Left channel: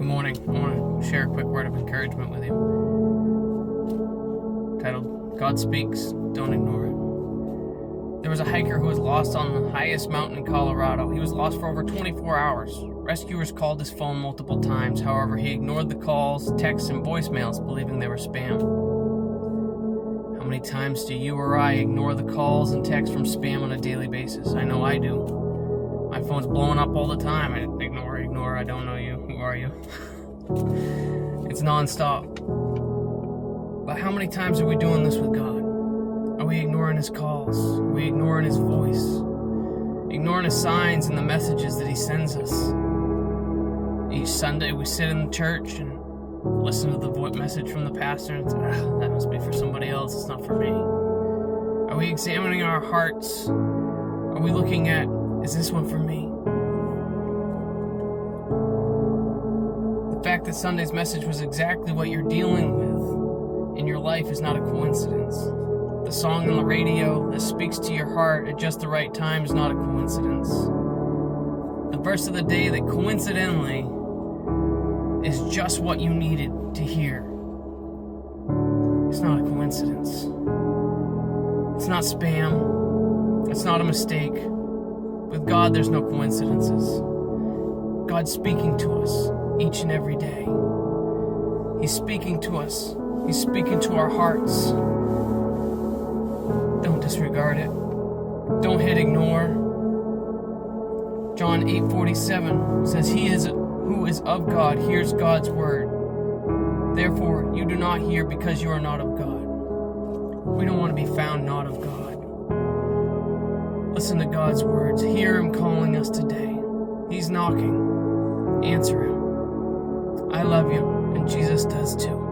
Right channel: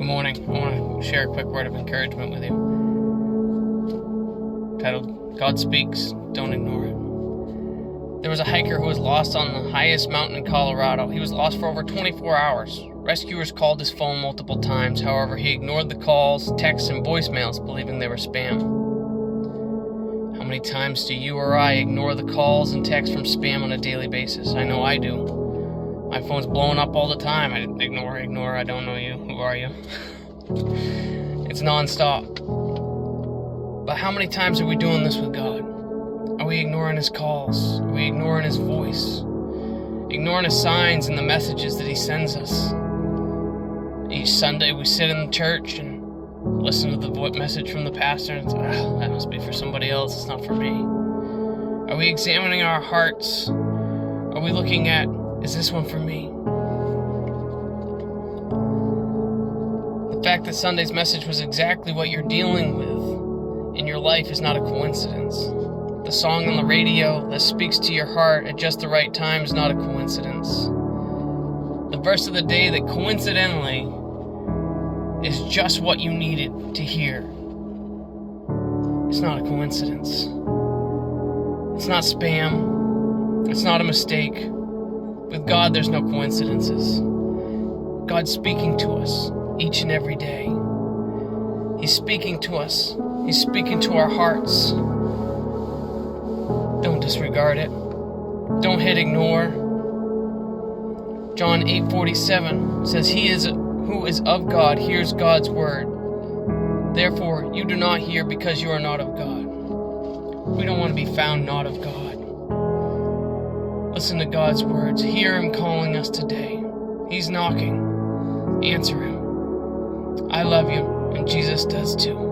Good morning. I want to share a quick word of encouragement with you. Titled, God Speaks, Don't Ignore It. There was a hiker who was lost on the highest mountain in Colorado. He was lost for over 24 hours. Rescuers called his phone multiple times. However, he ignored the calls, texts, and voicemails, believing they were spam. How many times do you or I ignore the calls and texts from spam on a daily basis? I know I do. My phone's blowing up all the time. I ignore, I don't know you. Who are you? It's nonstop. But how many times are we doing this with God? Are we ignoring His calls? Are we ignoring His voice? Ignoring His signs and the messages that He sends us? Each Sunday we sit in the church and listen to the message from the pastor and say, that must be for somebody else, it's not for me. Are we examining our hearts? Are we looking at, is this one for me? The fact that Sunday's message was exactly what you're dealing with in your life is not a coincidence. The song on the radio that speaks to your heart at just the right time is not a coincidence. The verse of the day that coincidentally is just what you needed to hear. It's not a coincidence. It's not spam. It's not a mistake. With God, there's no coincidences. God's speaking to us each and every day. He's speaking to us. He's speaking to our hearts. Don't disregard it. Don't hit ignore. John 8:47 says, He who is of God hears God's word. Therefore, you do not hear because you are not of God. We don't want to be found not of God. Listen to God's words. Hear Him calling us today. He's knocking. Answer Him. I love you, and Jesus does too.